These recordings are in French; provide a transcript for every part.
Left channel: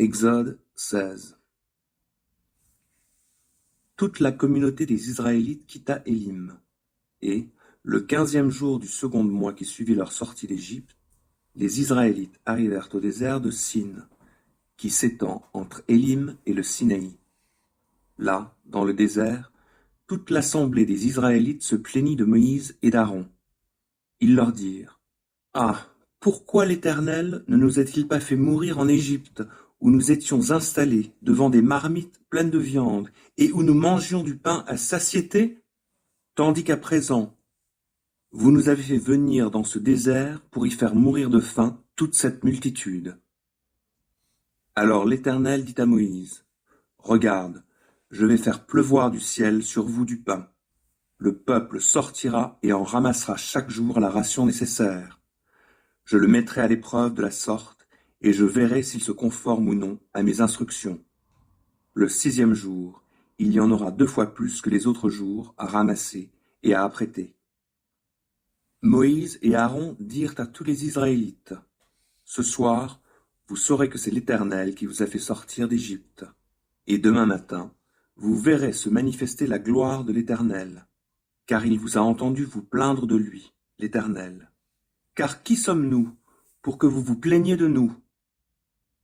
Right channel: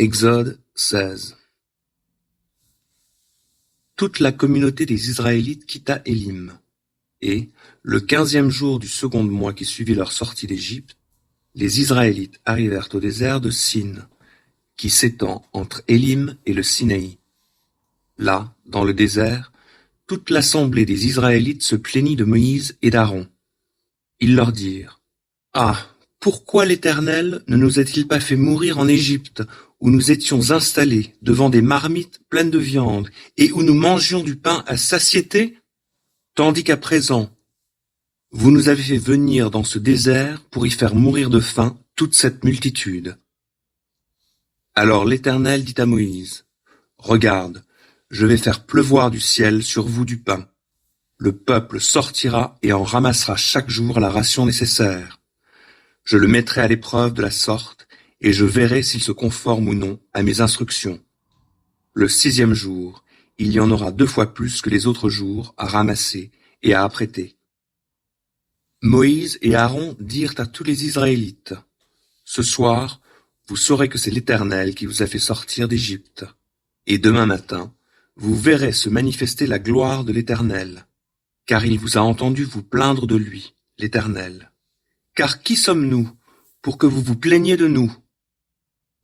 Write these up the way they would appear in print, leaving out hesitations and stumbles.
Exode 16. Toute la communauté des Israélites quitta Élim, et, le 15e jour du second mois qui suivit leur sortie d'Égypte, les Israélites arrivèrent au désert de Sin, qui s'étend entre Élim et le Sinaï. Là, dans le désert, toute l'assemblée des Israélites se plaignit de Moïse et d'Aaron. Ils leur dirent: Ah, pourquoi l'Éternel ne nous a-t-il pas fait mourir en Égypte, où nous étions installés devant des marmites pleines de viande, et où nous mangions du pain à satiété, tandis qu'à présent, vous nous avez fait venir dans ce désert pour y faire mourir de faim toute cette multitude. Alors l'Éternel dit à Moïse: Regarde, je vais faire pleuvoir du ciel sur vous du pain. Le peuple sortira et en ramassera chaque jour la ration nécessaire. Je le mettrai à l'épreuve de la sorte, et je verrai s'il se conforme ou non à mes instructions. Le 6e jour, il y en aura 2 fois plus que les autres jours à ramasser et à apprêter. Moïse et Aaron dirent à tous les Israélites: Ce soir, vous saurez que c'est l'Éternel qui vous a fait sortir d'Égypte. Et demain matin, vous verrez se manifester la gloire de l'Éternel, car il vous a entendu vous plaindre de lui, l'Éternel. Car qui sommes-nous pour que vous vous plaigniez de nous?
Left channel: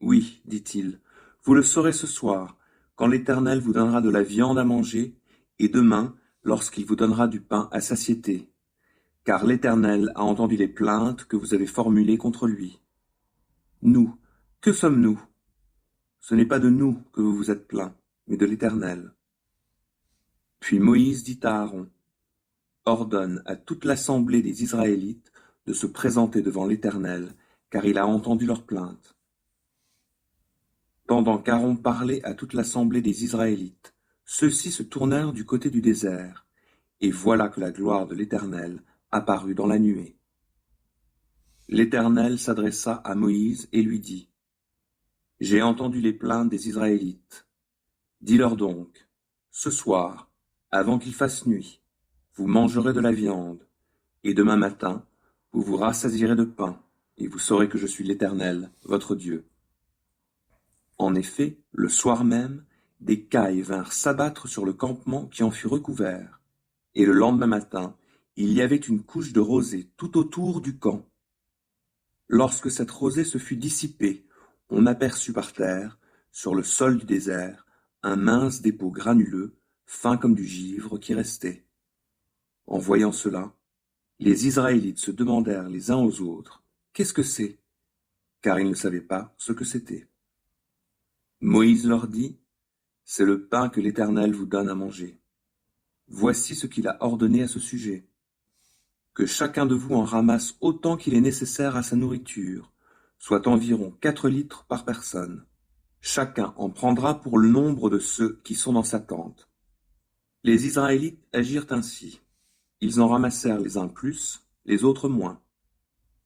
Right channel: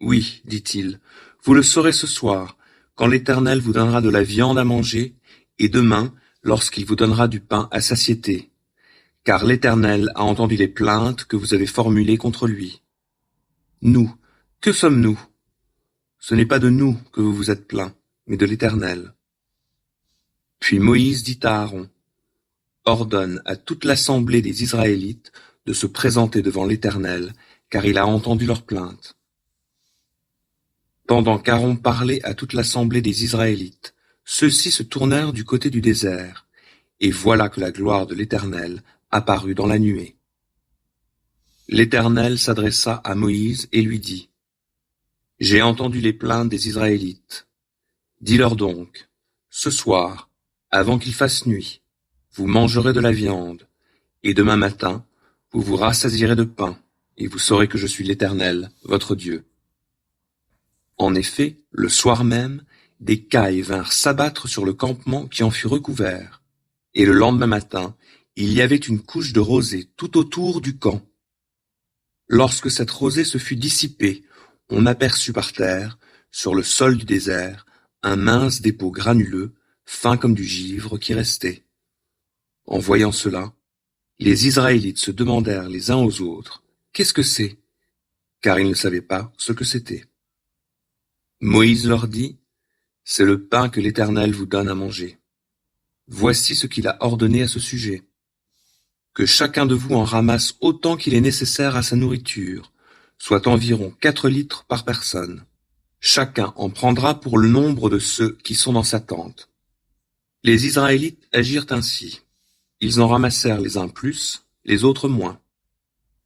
Oui, dit-il, vous le saurez ce soir, quand l'Éternel vous donnera de la viande à manger, et demain, lorsqu'il vous donnera du pain à satiété. Car l'Éternel a entendu les plaintes que vous avez formulées contre lui. Nous, que sommes-nous? Ce n'est pas de nous que vous vous êtes plaints, mais de l'Éternel. Puis Moïse dit à Aaron: Ordonne à toute l'assemblée des Israélites de se présenter devant l'Éternel, car il a entendu leurs plaintes. Pendant qu'Aaron parlait à toute l'assemblée des Israélites, ceux-ci se tournèrent du côté du désert, et voilà que la gloire de l'Éternel apparut dans la nuée. L'Éternel s'adressa à Moïse et lui dit: J'ai entendu les plaintes des Israélites. Dis-leur donc: Ce soir, avant qu'il fasse nuit, vous mangerez de la viande, et demain matin, vous vous rassasierez de pain, et vous saurez que je suis l'Éternel, votre Dieu. En effet, le soir même, des cailles vinrent s'abattre sur le campement qui en fut recouvert, et le lendemain matin, il y avait une couche de rosée tout autour du camp. Lorsque cette rosée se fut dissipée, on aperçut par terre, sur le sol du désert, un mince dépôt granuleux, fin comme du givre, qui restait. En voyant cela, les Israélites se demandèrent les uns aux autres: Qu'est-ce que c'est? Car ils ne savaient pas ce que c'était. Moïse leur dit: C'est le pain que l'Éternel vous donne à manger. Voici ce qu'il a ordonné à ce sujet: que chacun de vous en ramasse autant qu'il est nécessaire à sa nourriture, soit environ 4 litres par personne. Chacun en prendra pour le nombre de ceux qui sont dans sa tente. Les Israélites agirent ainsi. Ils en ramassèrent les uns plus, les autres moins.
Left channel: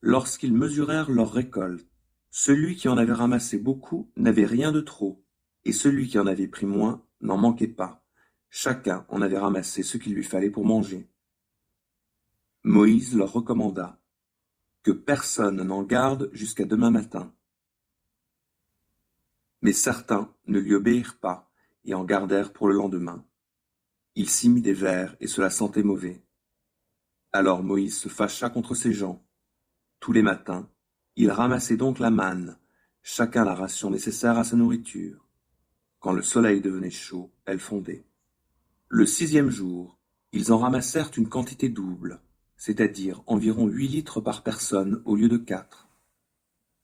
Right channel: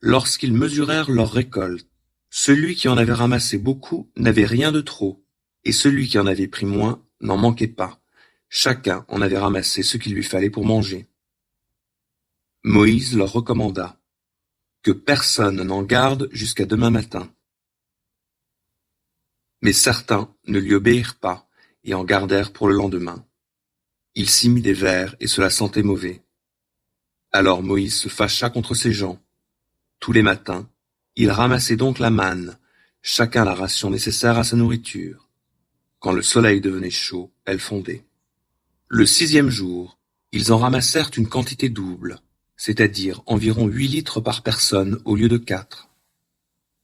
Lorsqu'ils mesurèrent leur récolte, celui qui en avait ramassé beaucoup n'avait rien de trop, et celui qui en avait pris moins n'en manquait pas. Chacun en avait ramassé ce qu'il lui fallait pour manger. Moïse leur recommanda: Que personne n'en garde jusqu'à demain matin. Mais certains ne lui obéirent pas et en gardèrent pour le lendemain. Il s'y mit des vers et cela sentait mauvais. Alors Moïse se fâcha contre ces gens. Tous les matins, il ramassait donc la manne, chacun la ration nécessaire à sa nourriture. Quand le soleil devenait chaud, elle fondait. Le 6e jour, ils en ramassèrent une quantité double, c'est-à-dire environ 8 litres par personne au lieu de 4.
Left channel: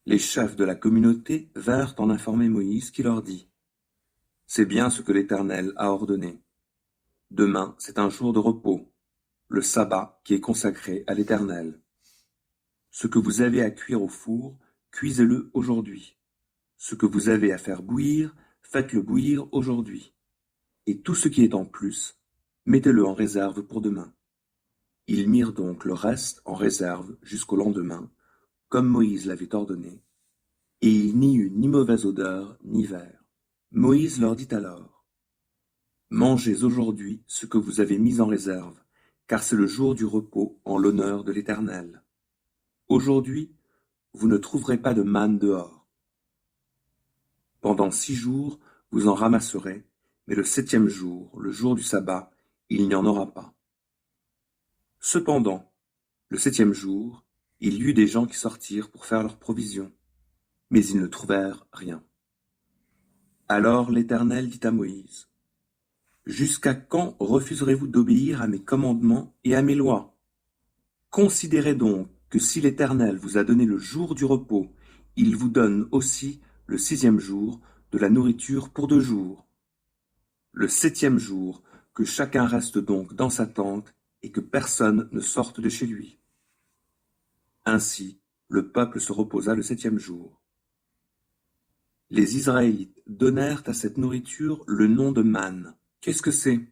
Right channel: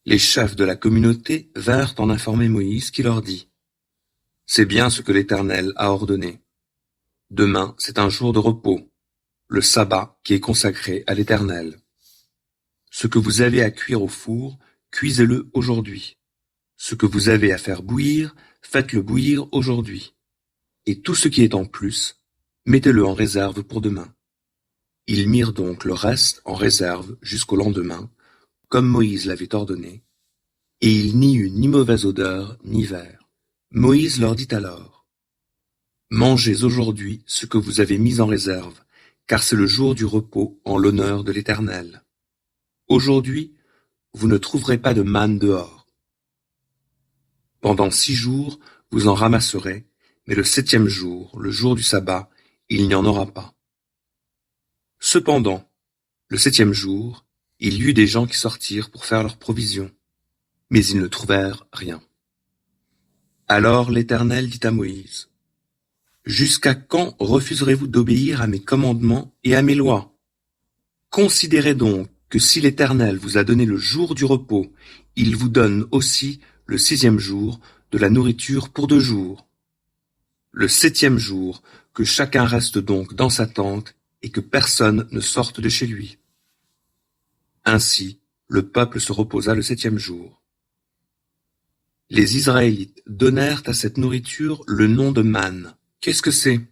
Les chefs de la communauté vinrent en informer Moïse, qui leur dit: C'est bien ce que l'Éternel a ordonné. Demain, c'est un jour de repos, le sabbat qui est consacré à l'Éternel. Ce que vous avez à cuire au four, cuisez-le aujourd'hui. Ce que vous avez à faire bouillir, faites-le bouillir aujourd'hui. Et tout ce qui est en plus, mettez-le en réserve pour demain. Ils mirent donc le reste en réserve jusqu'au lendemain, comme Moïse l'avait ordonné, et il n'y eut ni mauvaise odeur, ni ver. Moïse leur dit alors: Mangez aujourd'hui ce que vous avez mis en réserve, car c'est le jour du repos en l'honneur de l'Éternel. Aujourd'hui, vous ne trouverez pas de manne dehors. Pendant 6 jours, vous en ramasserez, mais le 7e jour, le jour du sabbat, il n'y en aura pas. Cependant, le 7e jour, il y eut des gens qui sortirent pour faire leurs provisions, mais ils ne trouvèrent rien. Alors l'Éternel dit à Moïse: Jusqu'à quand refuserez-vous d'obéir à mes commandements et à mes lois? Considérez donc que si l'Éternel vous a donné le jour du repos, il vous donne aussi le 6e jour de la nourriture pour 2 jours. Le 7e jour, que chacun reste donc dans sa tente et que personne ne sorte de chez lui. Ainsi, le peuple se reposa le 7e jour. Les Israélites donnèrent à cette nourriture le nom de manne. Qu'est-ce que c'est?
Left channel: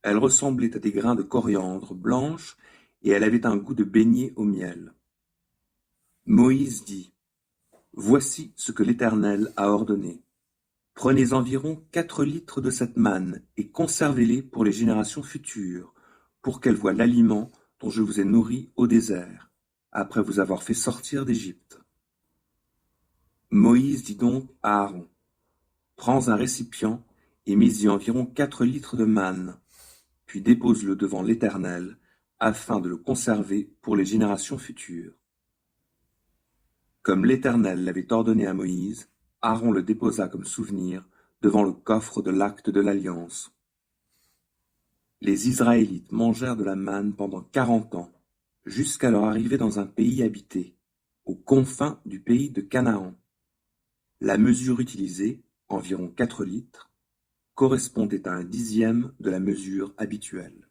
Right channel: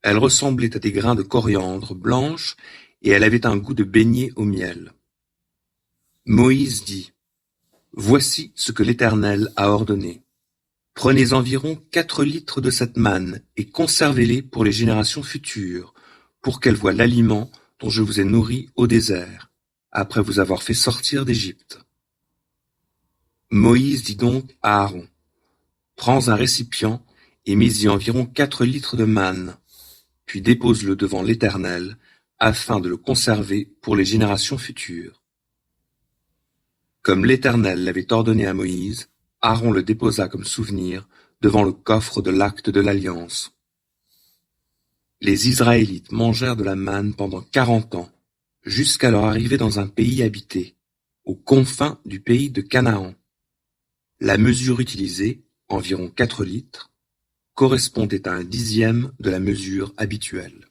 Elle ressemblait à des grains de coriandre blanches et elle avait un goût de beignet au miel. Moïse dit: Voici ce que l'Éternel a ordonné. Prenez environ 4 litres de cette manne et conservez-les pour les générations futures, pour qu'elles voient l'aliment dont je vous ai nourri au désert, après vous avoir fait sortir d'Égypte. Moïse dit donc à Aaron: Prends un récipient et mets-y environ 4 litres de manne, puis dépose-le devant l'Éternel, afin de le conserver pour les générations futures. Comme l'Éternel l'avait ordonné à Moïse, Aaron le déposa comme souvenir devant le coffre de l'acte de l'Alliance. Les Israélites mangèrent de la manne pendant 40 ans, jusqu'à leur arrivée dans un pays habité, aux confins du pays de Canaan. La mesure utilisée, environ 4 litres, correspondait à un 10e de la mesure habituelle.